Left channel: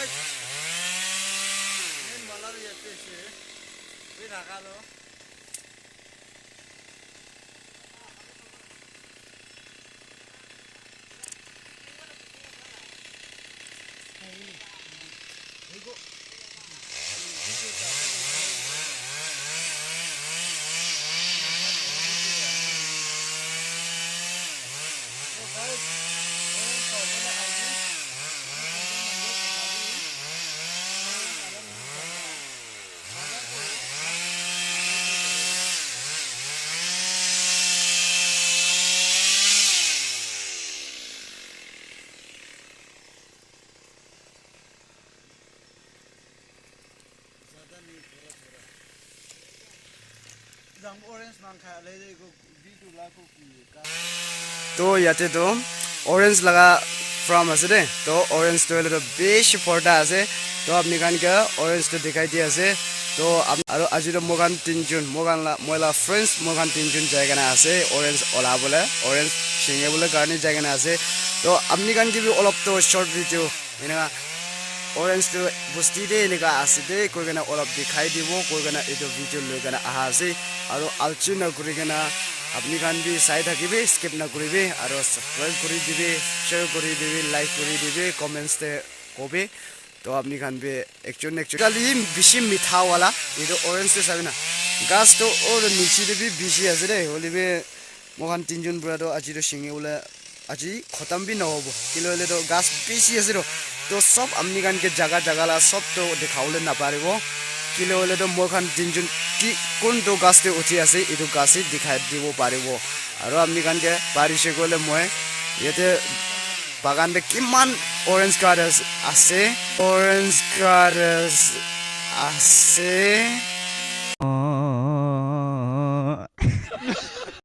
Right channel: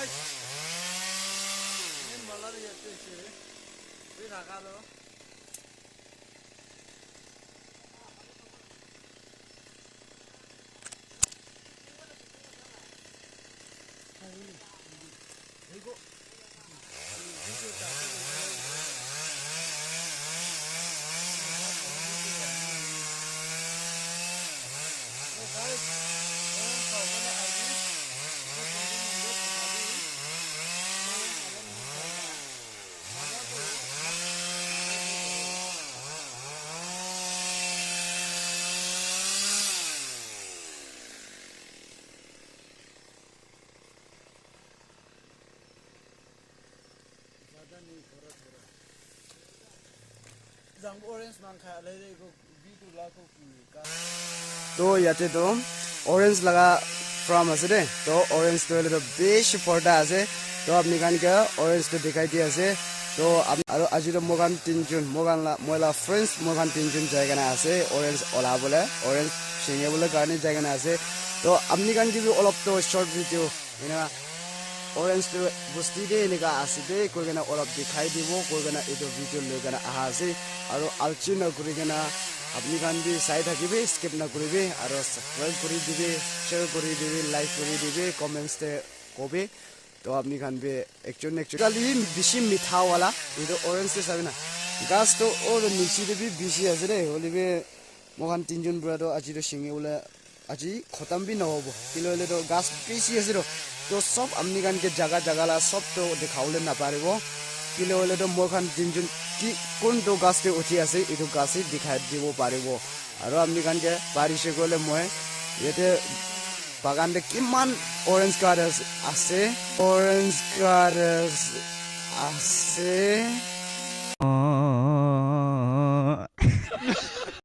guys. Ini malam ya sih. Ini nakal loh. तो याते तो ऑरेंज लगा फ्रॉम আছে দে তো ऑरेंज তো হলো বেশি ফটা আছে তো আপনি কান কে ऑरेंज তো দেখাই দি আছে তো আৰু আজি তো মগান তিনজন ময়লা ফ্রেন্ডস মগান তিনজন জায়গা না আছে ऑरेंज ওলা বলে ऑरेंज সিঙ্গে বলে গার্নি জায়গা না আছে তো আপনি কান কি অলপ তো শর্ট ভিডিও এনা ऑरेंज तो बुस्ती दे निका आसिदे कोई गना ओलप दिखाई दिबो कोई गना एदो वीडियो ले गना आहासे आरो आलचि न करि गना अपनी गान भी साइड থাকিবে स्किप न करिबे आरो सब्सक्राइब करि दिबे शेयर करि दिबे लाइक करि दिबे कमेंट्स ते कोबे तो अपनी गान भी एक्चुअली बिशी मिठा वाला एदो ऑरेंज से साबिना गास तो और नीचे दे भी बिशी आसे दे होलिबे मोहन तीनजन ब्रादो আজি तो सिंगे उला আজি खतम भी न होबो किलो ले तो गास बिशी आसे तो सब अपनी गान के जगह ला सब तो दिखावले ना पारिबो किले होले तो मोखान दिनजुन की कोन तो गाछते उठी আছে इदु गाछी दिखाइ দিব पारिबो आरो अपनी गान के बारिशे गले মই येते बागान दे किमान ऑरेंज कार्ड्स আছে ऑरेंज कार्ड्स আছে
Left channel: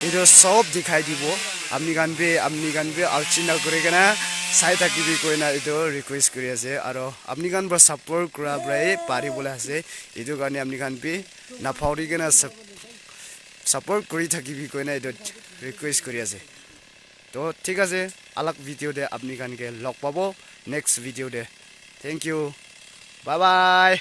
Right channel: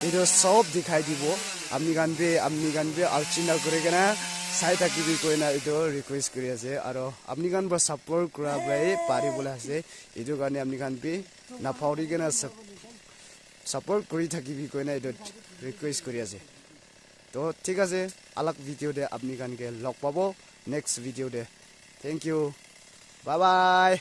इदु सब दिखाइ দিব अपनी गान बे आलचिना करे गना साइड থাকিবি কইনা ইটো রিকোয়েস্ট কৰি আছে আৰু আপনি গান বৰ সাপোৰ্ট কৰা ব্ৰাই পাৰি বলে আছে ইটো গানে আপনি গান বি না ফাউৰি গনা সাপোৰ্ট কৰি থাকিবি কইনা ইটো ৰিকোয়েস্ট কৰি আছে তো ঠিক আছে আলাক ভিডিও দে আপনি গানকে লগ পাবো নেক্সট ভিডিও দে থ্যাংক ইউ বাই বাই